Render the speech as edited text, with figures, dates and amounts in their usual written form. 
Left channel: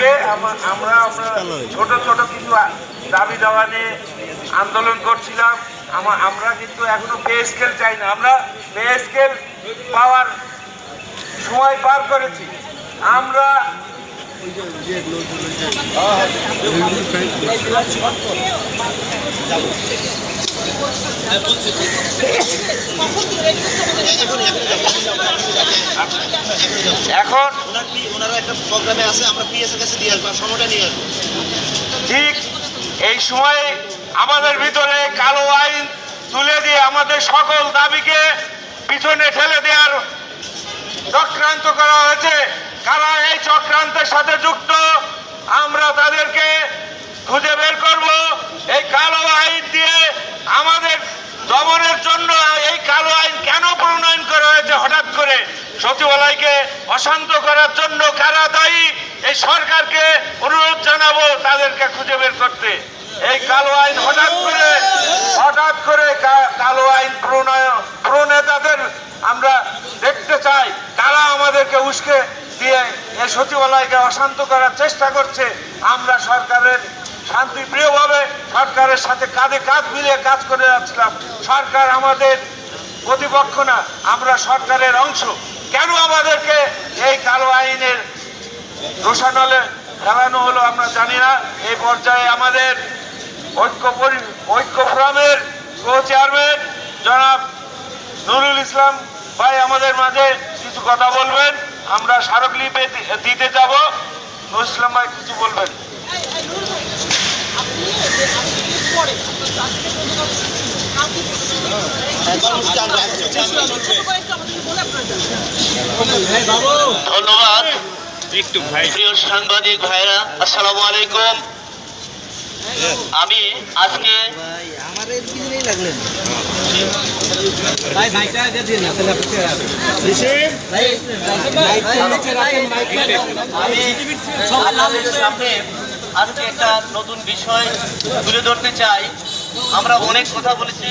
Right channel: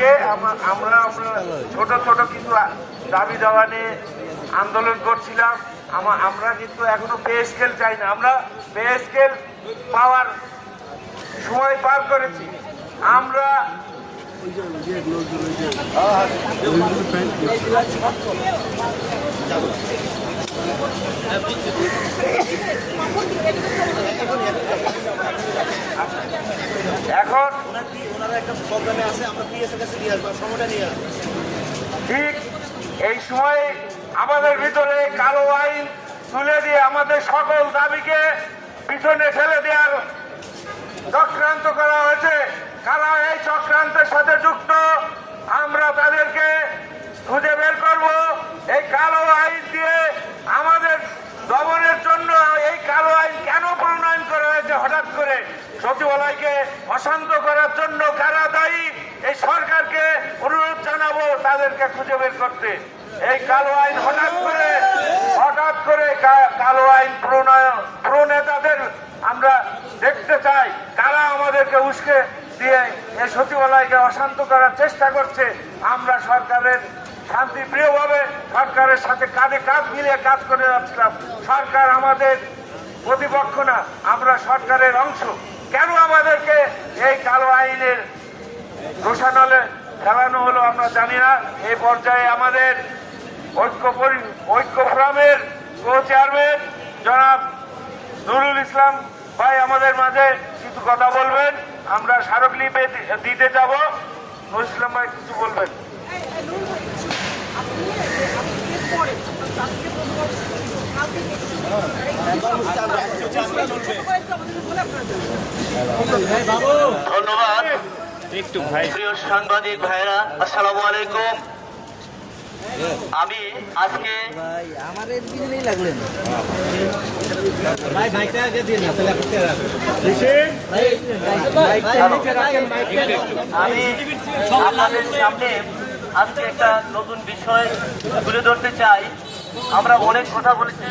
আগে আমরা ছোট ছোট কিছু দাবি দাওয়া নিয়ে আন্দোলন করছিলাম। আমরা কিন্তু এখনো পে স্কেল চাই না। আমরা পে স্কেল পাওয়ার সময় পার করেছি। আমরা এখন ঠিক এই সময়ে আমাদের ভিতরে কালো আইন তুলে দিয়ে আমাদের সকল দাবিকে পিছনে ঠেলে দেওয়ার চক্রান্ত করা হয়েছে। কারা এই চক্রান্তের সাথে যুক্ত আমরা তাদেরকে খুঁজে বের করব। এই কালো আইন দিয়ে আমাদের দমনের জন্য এই কালো আইন কেন প্রণয়ন করা হয়েছে হঠাৎ করে, সচিবালয়কে অশান্ত করার জন্য কারা দায়ী, এই সরকারকে অনুরোধ জানাবো তাদেরকে খুঁজে বের করতে। এই কালো আইন হঠাৎ করে কালো আইন প্রণেতাদের আমরা দেখতে চাই, কারা আমাদেরকে উস্কে দিয়ে এই সচিবালয়কে অশান্ত করার চেষ্টা করছে। আমরা সরকারের শান্তিপ্রিয়ভাবে সরকারের সাথে কাঁধে কাঁধ মিলিয়ে কাজ করে যাচ্ছিলাম। সরকার আমাদের প্রতিপক্ষ না, আমরা সরকারের অংশ। কেন আমাদেরকে এই কালো আইনের দোষানলে ফেলানো হলো আমরা জানি না। এই পর্যায়ে আমাদের ঐক্য ফোরামের কো চেয়ারম্যান জনাব নুরুল ইসলাম ভাই আমাদের মাঝে কিছু কথা বলবেন। আমরা স্মারকলিপি দিতে যাব। নুরুল ইসলাম ভাই কিছু বলবেন। ধন্যবাদ প্রিয় সাংবাদিক ভাইরা, আসসালামু আলাইকুম। আমি আজকে আমি আপনাদের সামনে আজকে একটা নতুন বিষয় তুলে ধরতে চাই। আমরা অনেক কথা বলেছি,